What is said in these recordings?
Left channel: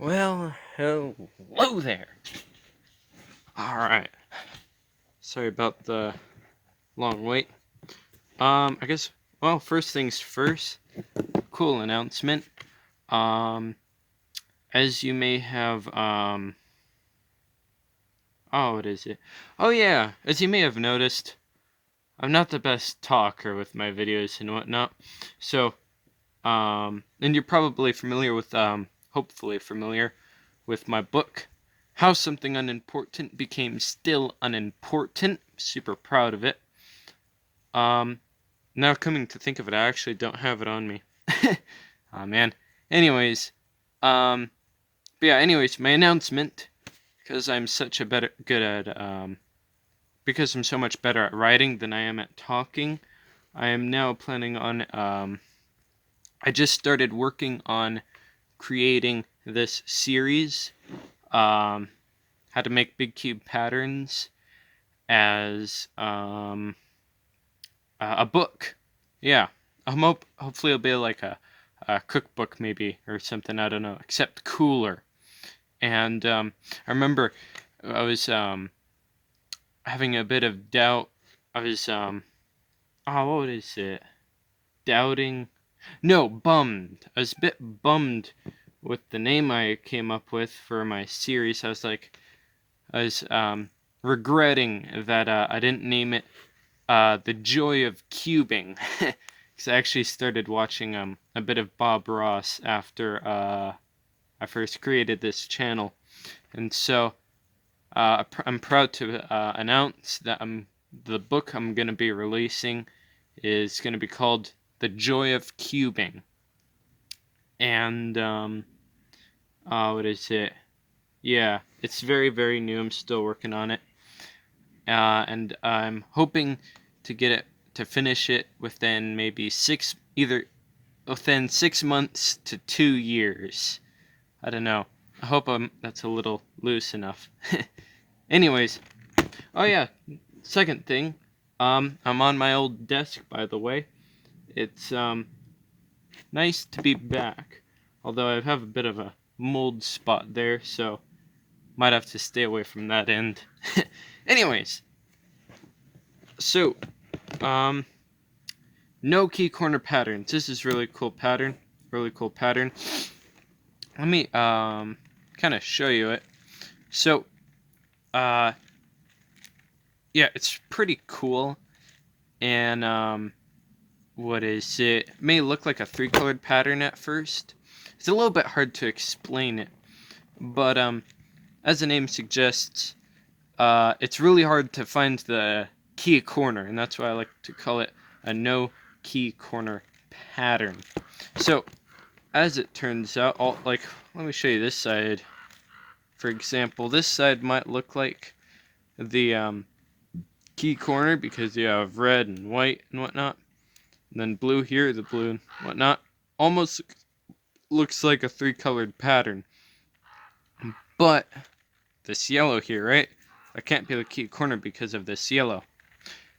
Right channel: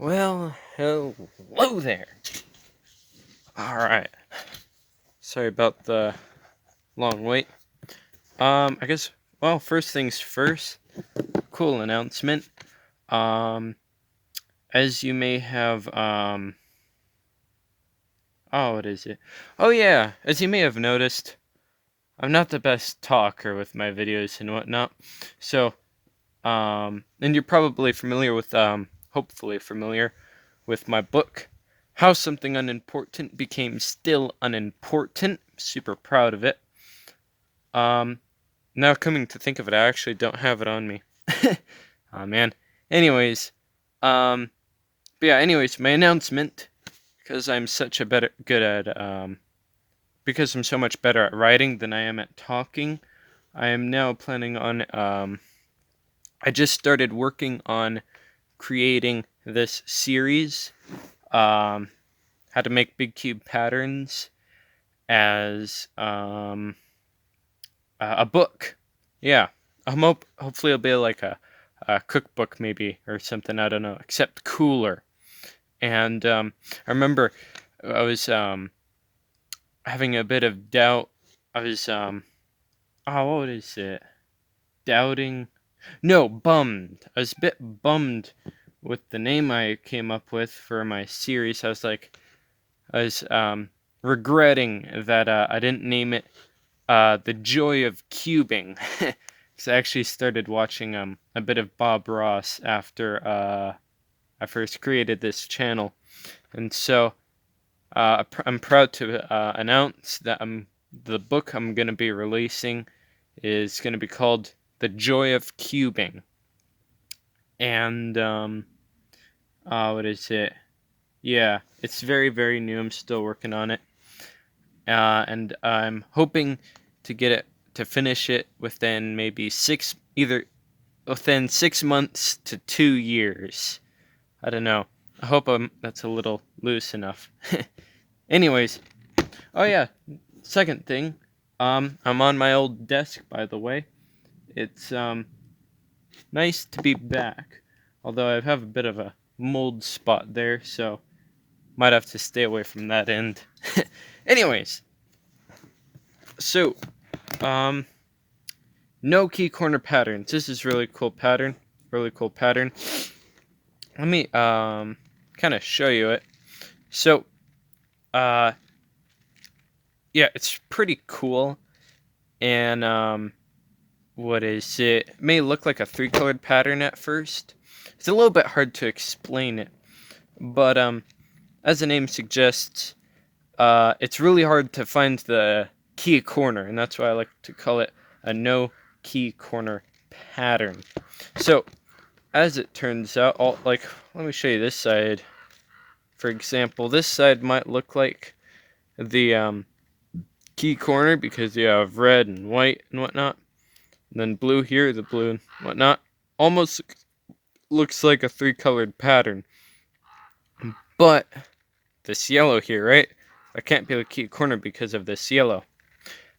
Well, hello there. Alright. Sorry about the long wait. I guess, well, first things first, cool announcement. As you may have, what is it? Oh yeah, as you may have noticed, I'm not the best talker with my videos and whatnot. So, and you're probably familiar with, hopefully familiar with my book, How Something Unimportant Became Still Unimportant. Super proud of it. Now coming to think of it, I actually don't have it on me. Oh man. Anyways, but yeah, anyways, my announcement, because I'm such a because I'm so much better at writing than I am at talking, I am now planning on, I just started working on creating this series, how to make big cube patterns as, a book. Yeah, hopefully it'll be like a cookbook maybe or something. I don't know, except cooler. And I remember I was having a bit of doubt. I was what is it? Doubting? No, bummed. I was a bit bummed with the name I came up with for my series. I was regretting that I didn't name it The Joy of Cubing. Because I actually started watching a bit of Bob Ross after I first created this channel, and so I'm proud to announce that the book I'm going to be releasing is going to be called The Joy of Cubing, and what is it? Yeah, it's very, very new. I'm still working on it, and I'm hoping to get it to finish it within maybe within 6 months to 2 years. I don't know. I hope that's a little loose enough. Anyways, oh yeah, second thing, I'm on my old desk, by the way. It's nice to be back, although I have a bit of a mold spot there, so might have to stay away from that end. Anyways, so no key corner patterns. This is really cool pattern. Really cool pattern. Let me kind of show you it. So yeah, it's pretty cool. And what is it? It may look like a 3-colored pattern at first. It's a little bit hard to explain it, but as the name suggests, it's really hard to find the key corner, and that's why I like to call it a no key corner pattern. So as it turns out, let me show you this side. For example, this side might look like the key corner because you have red and white and whatnot. And then blue here, the blue and whatnot. Almost looks like a 3-colored pattern. But this yellow here, right? I can't be the key corner because of this yellow.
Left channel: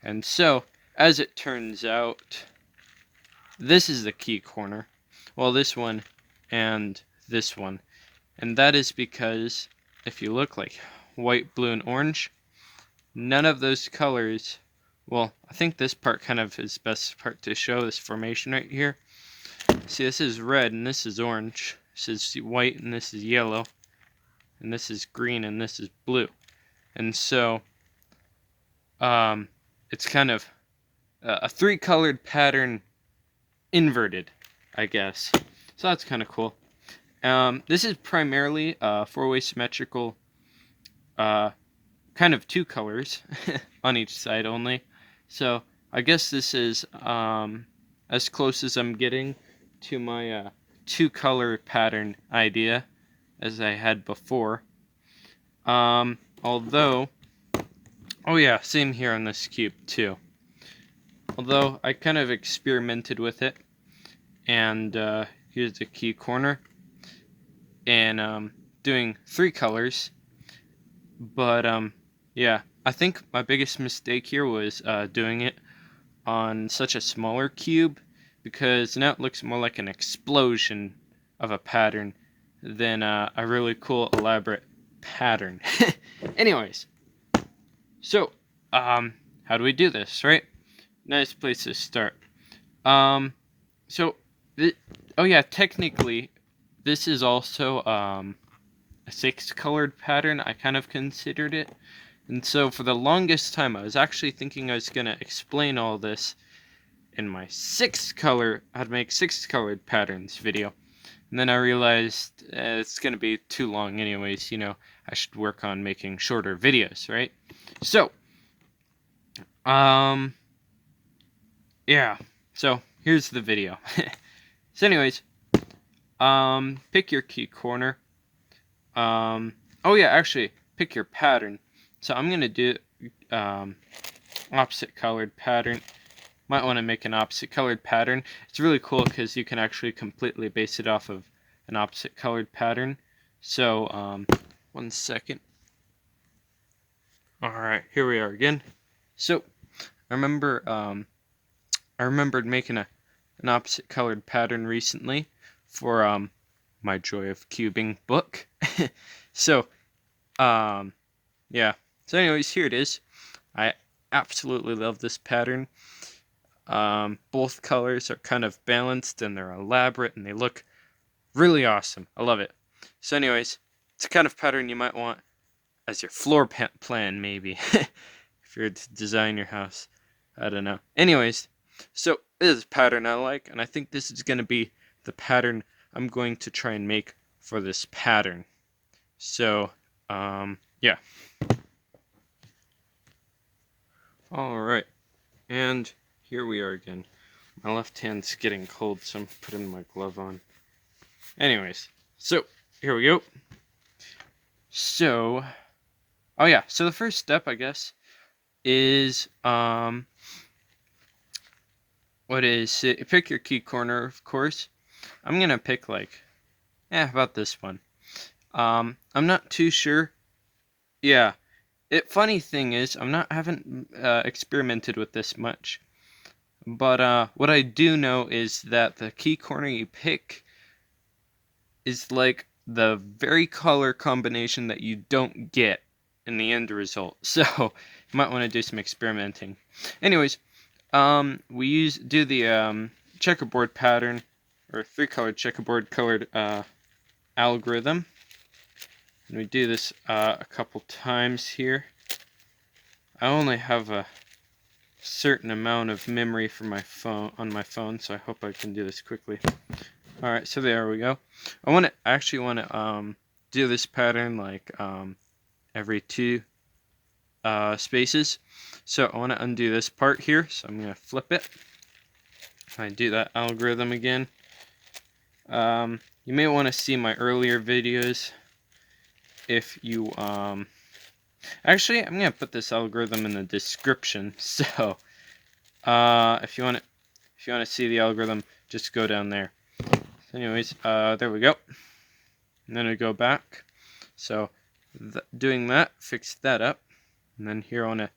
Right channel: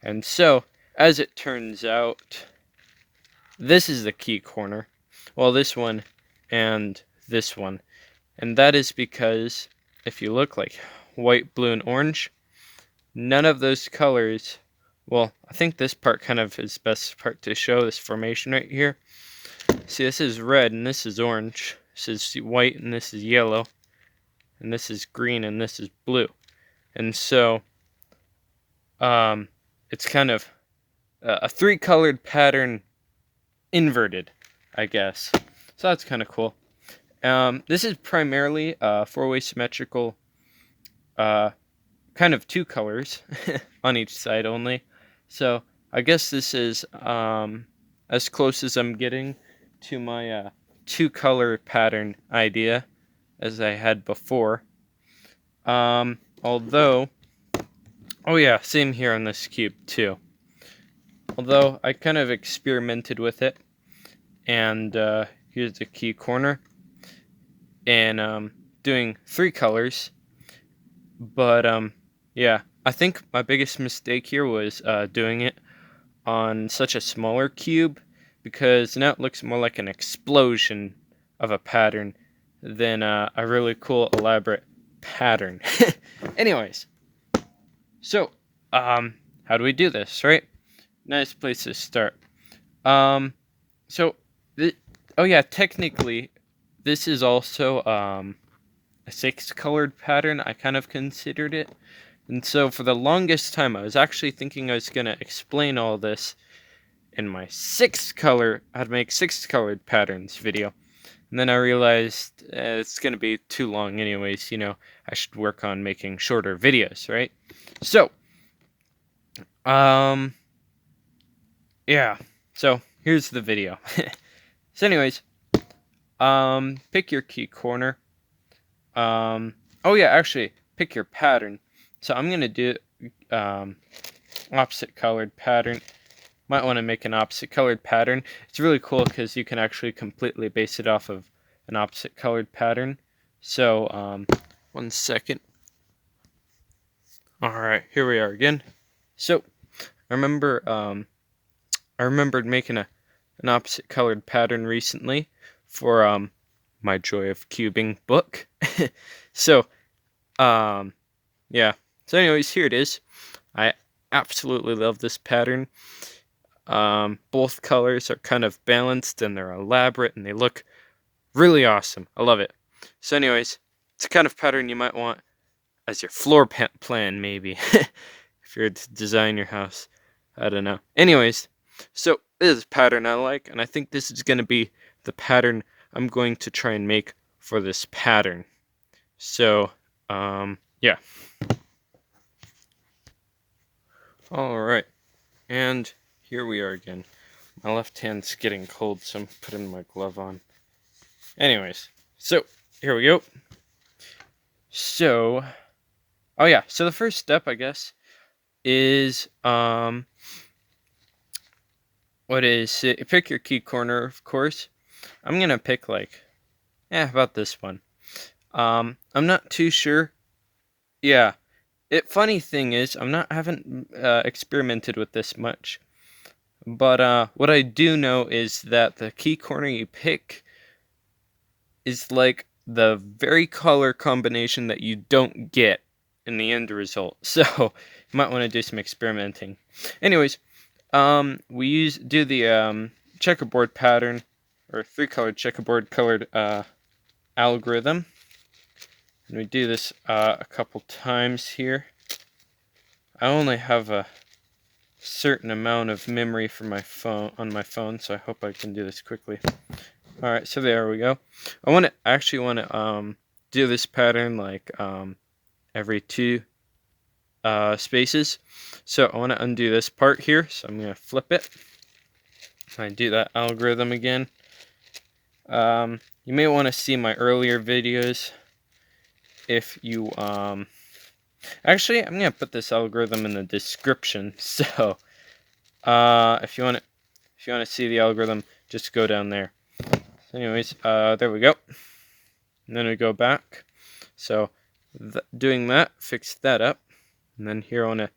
And so, as it turns out, this is the key corner. Well, this one and this one. And that is because if you look like white, blue, and orange, none of those colors, well, I think this part kind of is the best part to show, this formation right here. See, this is red and this is orange. This is white and this is yellow. And this is green and this is blue. And so, it's kind of a 3-colored pattern inverted, I guess. So that's kind of cool. This is primarily a 4-way symmetrical, kind of 2 colors on each side only. So I guess this is as close as I'm getting to my 2-color pattern idea as I had before. Although, oh yeah, same here on this cube too. Although I kind of experimented with it, and here's the key corner, and doing 3 colors. But yeah, I think my biggest mistake here was doing it on such a smaller cube, because now it looks more like an explosion of a pattern than a really cool, elaborate pattern. Anyways, so, how do we do this, right? Nice place to start. So, oh yeah, technically, this is also, a 6-colored pattern. I kind of considered it. And so, for the longest time, I was actually thinking I was going to explain all this in my 6-color, how to make 6-colored patterns video. And then I realized it's going to be too long anyways, I should work on making shorter videos, right? So, yeah, so here's the video. So anyways, pick your key corner. Oh yeah, actually, pick your pattern. So I'm going to do, opposite colored pattern. Might want to make an opposite colored pattern. It's really cool because you can actually completely base it off of an opposite colored pattern. So, 1 second. Alright, here we are again. So, I remembered making an opposite colored pattern recently for my Joy of Cubing book. So, yeah. So anyways, here it is. I absolutely love this pattern. Both colors are kind of balanced and they're elaborate and they look really awesome. I love it. So anyways, it's a kind of pattern you might want as your floor plan, maybe. If you're to design your house. I don't know. Anyways, so this is a pattern I like, and I think this is going to be the pattern I'm going to try and make for this pattern. So, yeah. Alright. And here we are again. My left hand's getting cold, so I'm putting my glove on. Anyways, so here we go. So, oh yeah, so the first step, I guess, is, pick your key corner, of course. I'm going to pick, about this one. I'm not too sure. Yeah. Funny thing is, haven't experimented with this much. But, what I do know is that the key corner you pick is like the very color combination that you don't get in the end result. So, you might want to do some experimenting. Anyways, we do the checkerboard pattern, or 3-colored checkerboard colored algorithm. And we do this a couple times here. I only have a certain amount of memory for my phone on my phone, so I hope I can do this quickly. All right, so there we go. I actually want to do this pattern every 2 spaces. So I want to undo this part here, so I'm going to flip it. I do that algorithm again. You may want to see my earlier videos if you actually, I'm going to put this algorithm in the description. So if you want to see the algorithm, just go down there. Anyways, there we go. And then we go back. So doing that, fix that up. And then here I want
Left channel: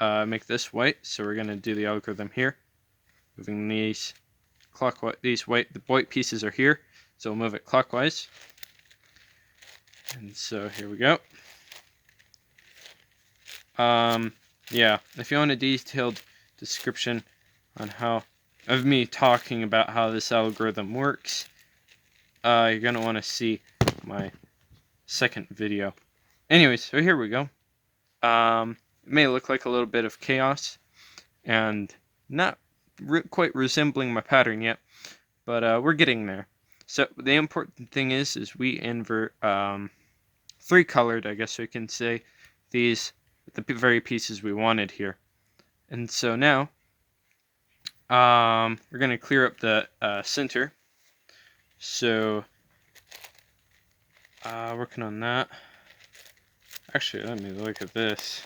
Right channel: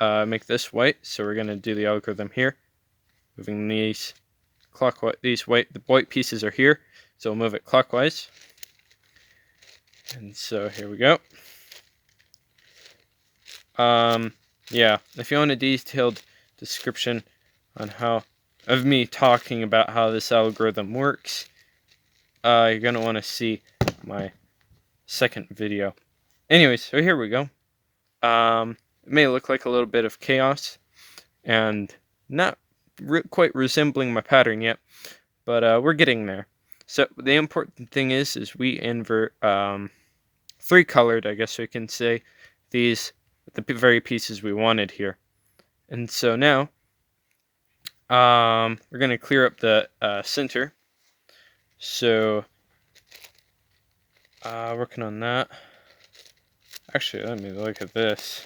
to make this white. So we're going to do the algorithm here. Moving these clockwise. The white pieces are here. So we'll move it clockwise. And so here we go. Yeah, if you want a detailed description on of me talking about how this algorithm works, you're going to want to see my second video. Anyways, so here we go. It may look like a little bit of chaos and not quite resembling my pattern yet, but we're getting there. So the important thing is we invert 3-colored, I guess we can say, the very pieces we wanted here. And so now we're going to clear up the center. So working on that. Actually, let me look at this.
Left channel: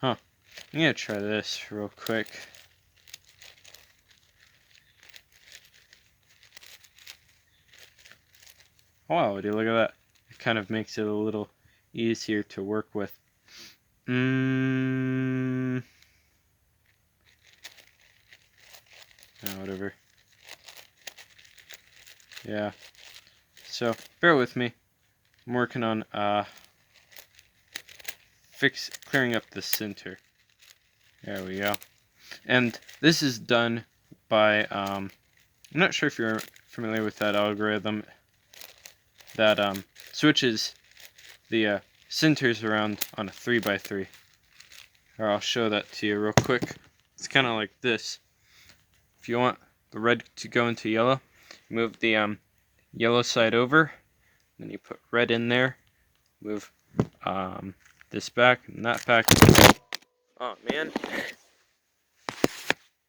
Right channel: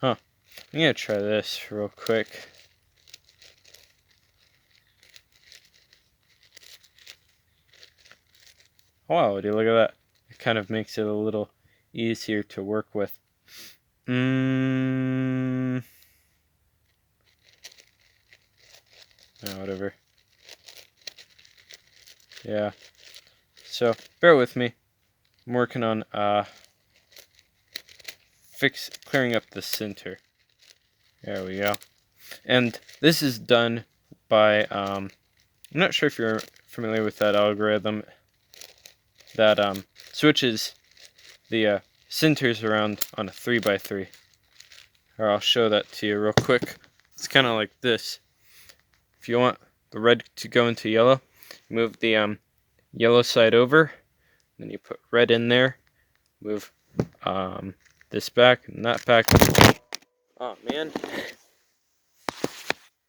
Huh. I'm going to try this real quick. Wow, dude, look at that. It kind of makes it a little easier to work with. whatever. Yeah. So bear with me. I'm working on clearing up the center. There we go. And this is done by I'm not sure if you're familiar with that algorithm that switches the centers around on a 3x3. Or I'll show that to you real quick. It's kind of like this. If you want the red to go into yellow, move the yellow side over, then you put red in there, move this back and that back. Oh man,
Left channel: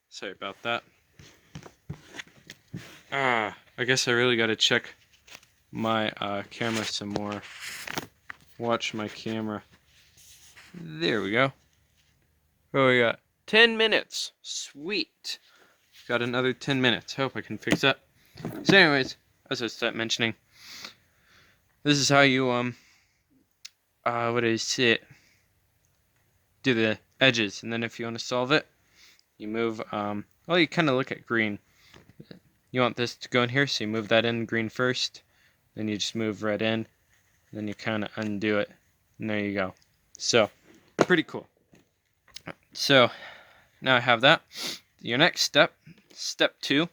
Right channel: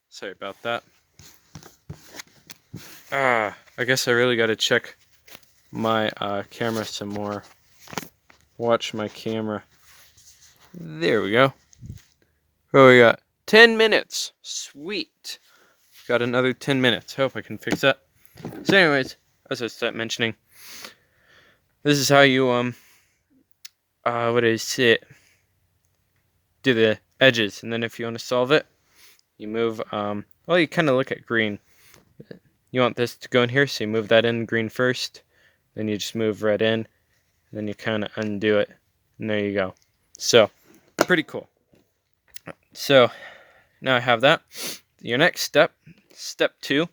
sorry about that. I guess I really got to check my camera some more. Watch my camera. There we go. Oh, we got 10 minutes. Sweet. Got another 10 minutes. Hope I can fix that. So anyways, as I started mentioning, this is how you what is it? Do the edges, and then if you want to solve it, you move well, you kind of look at green. You want this to go in here, so you move that in green first, then you just move red in, then you kind of undo it, and there you go. So pretty cool. So now I have that. Your next step, step 2,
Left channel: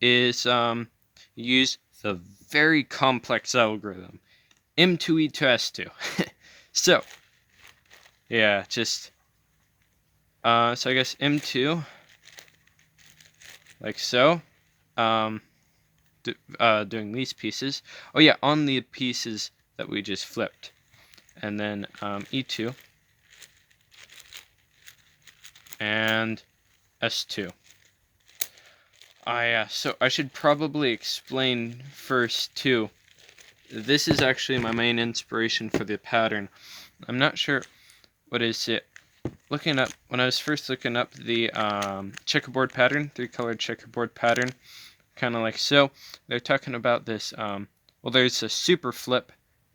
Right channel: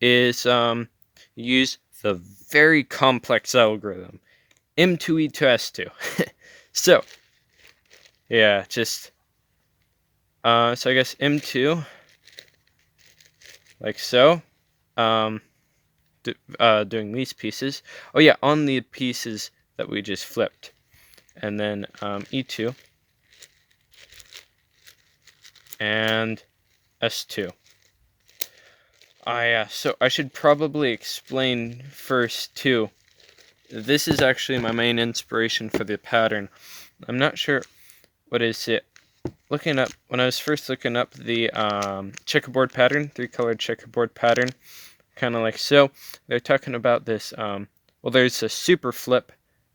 is use the very complex algorithm, M2E to S2. So yeah, just so I guess M2, like so, doing these pieces. Oh yeah, on the pieces that we just flipped, and then E2 and S2. So I should probably explain first too. This is actually my main inspiration for the pattern. I'm not sure what is it. When I was first looking up the checkerboard pattern, 3-colored checkerboard pattern, kind of like so, they're talking about this. Well, there's a super flip.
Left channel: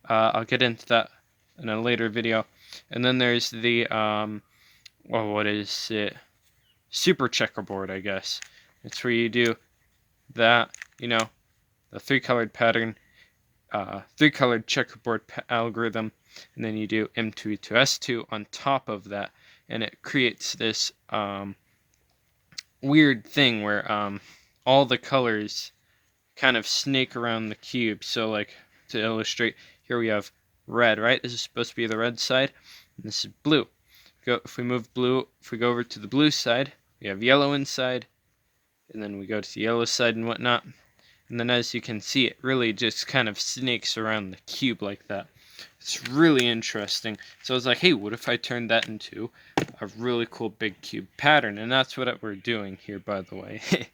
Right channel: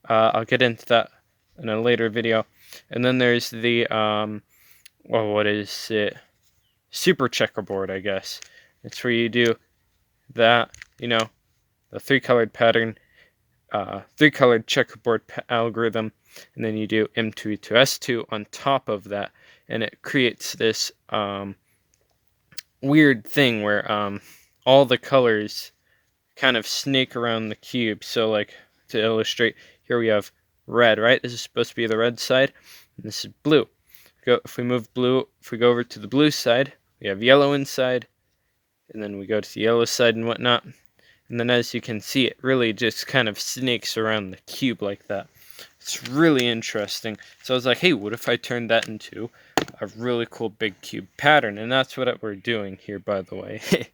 I'll get into that in a later video, and then there's the well, what is it? Super checkerboard, I guess. It's where you do that, the 3-colored pattern, 3-colored checkerboard algorithm, and then you do M2 to S2 on top of that, and it creates this weird thing where all the colors kind of snake around the cube. So like, to illustrate, here we have red, right? This is supposed to be the red side, and this is blue. If we go over to the blue side, we have yellow inside, and then we go to the yellow side and whatnot. And then as you can see, it really just kind of snakes around the cube like that. It's really interesting. So I was like, hey, what if I turned that into a really cool big cube pattern? And that's what we're doing here, by the way.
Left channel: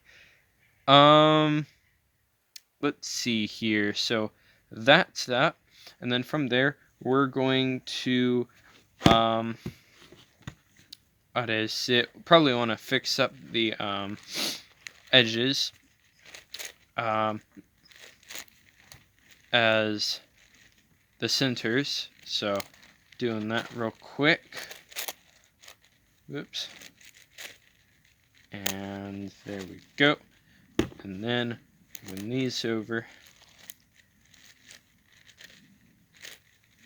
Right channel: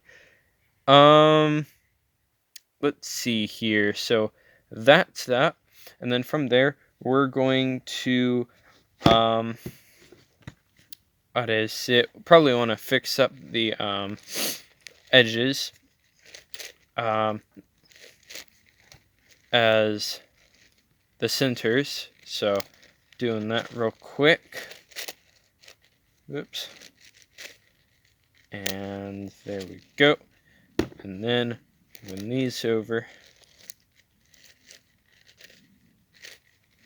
Let's see here. So that's that. And then from there, we're going to what is it? Probably want to fix up the edges as the centers. So doing that real quick. Whoops. And there we go. And then move these over.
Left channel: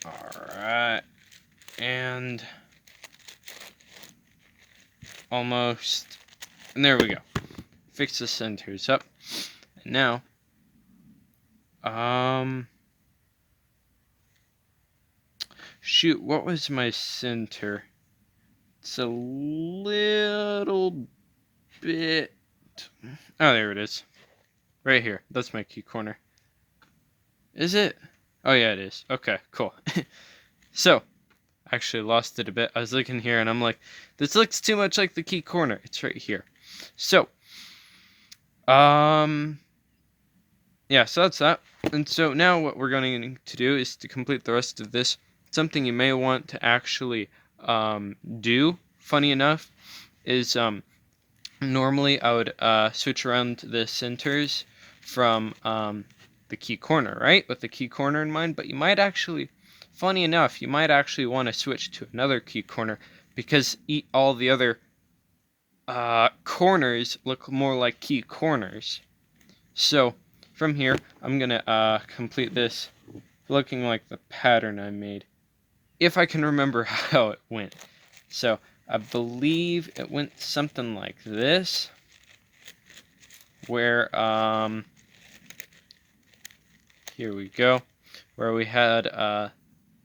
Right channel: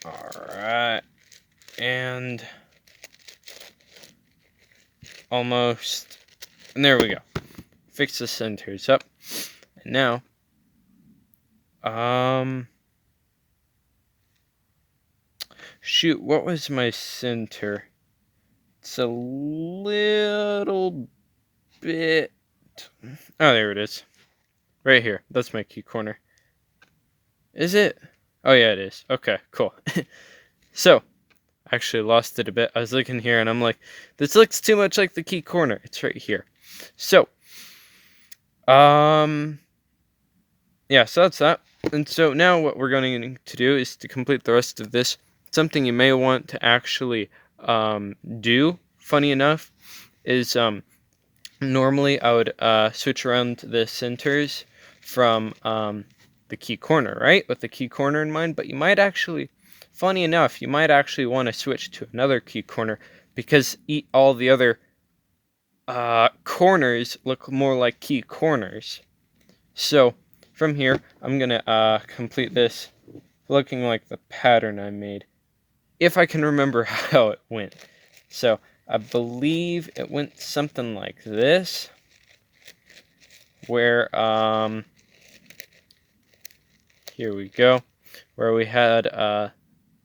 Alright. And almost. And there we go. Fix the centers up. And now, shoot, what was my center? It's a little bit. Oh, there it is. Right here. That's my key corner. Is it? Oh, yeah, it is. Okay, cool. So, I actually lost it a bit. I was looking here and I'm like, this looks too much like the key corner. It's right here. So, yeah, so that's that. And so now what we're going to do is to complete the rest of this. Something you may want to actually do, funny enough, is normally I would switch around the centers from the key corner, right? With the key corner in mind, but you might actually, funny enough, you might actually want to switch to another key corner because all the other corners look more like key corners. So from here, I'm gonna complete this looking like the pattern I made, if I can remember how it went. So I believe it went something like this, where here we go, where we had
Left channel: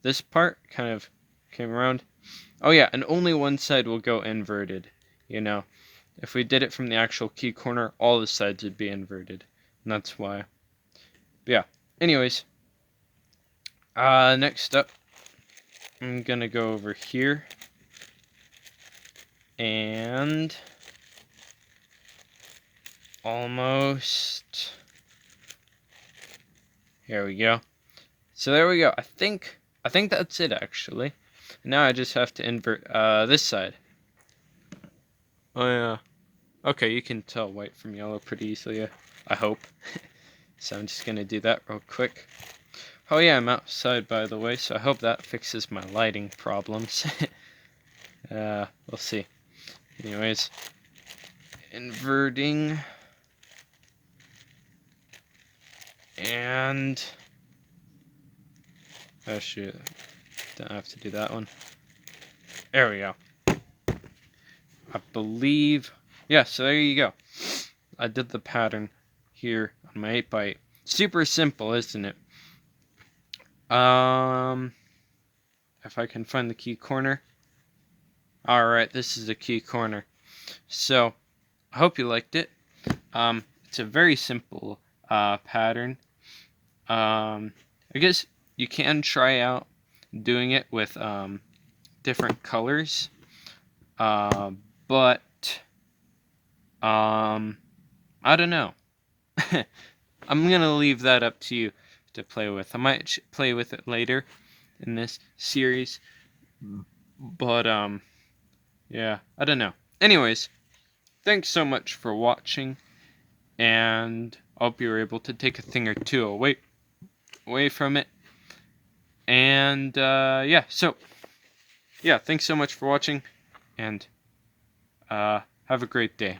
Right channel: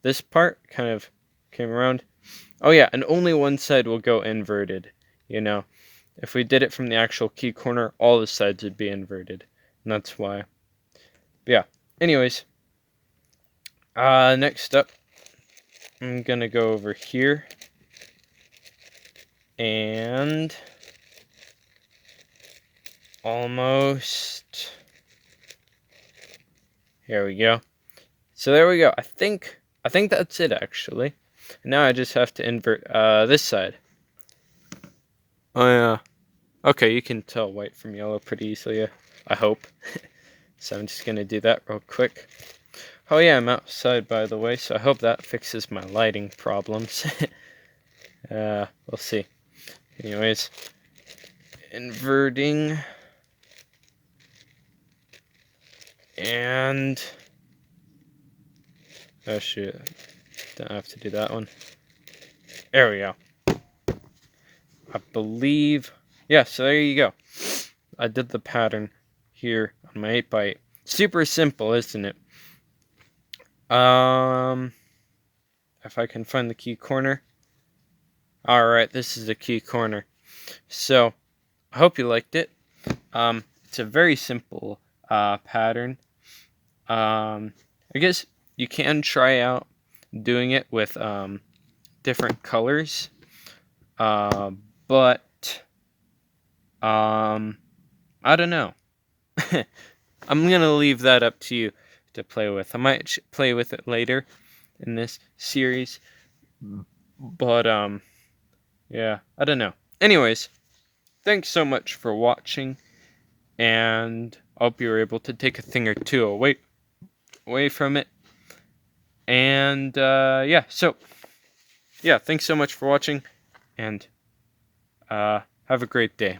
this part kind of came around. Oh yeah, and only one side will go inverted, you know. If we did it from the actual key corner, all the sides would be inverted. And that's why. Yeah. Anyways, next up, I'm gonna go over here and almost. Here we go. So there we go. I think that's it actually. Now I just have to invert this side. Oh yeah. Okay, you can tell white from yellow pretty easily, I hope. So I'm just gonna do that real quick. Oh yeah, I'm outside by the way, so I hope that fixes my lighting problems. We'll see. Anyways, inverting. And oh shoot, don't have to do that one. There we go. I believe, yeah, so there you go. I did the pattern here on my 8x8. Super simple, isn't it? If I can find the key corner. Alright, this is the key corner. So, I hope you liked it. It's a very simple pattern. I guess you can try out doing it with different colors. But I don't know. I'm gonna leave that up to you to play with. I might play with it later in this series, but yeah, I don't know. Anyways, thanks so much for watching, and I hope you were able to take a thing or two away from it. And yeah, so yeah, thanks so much for watching, and have a great day.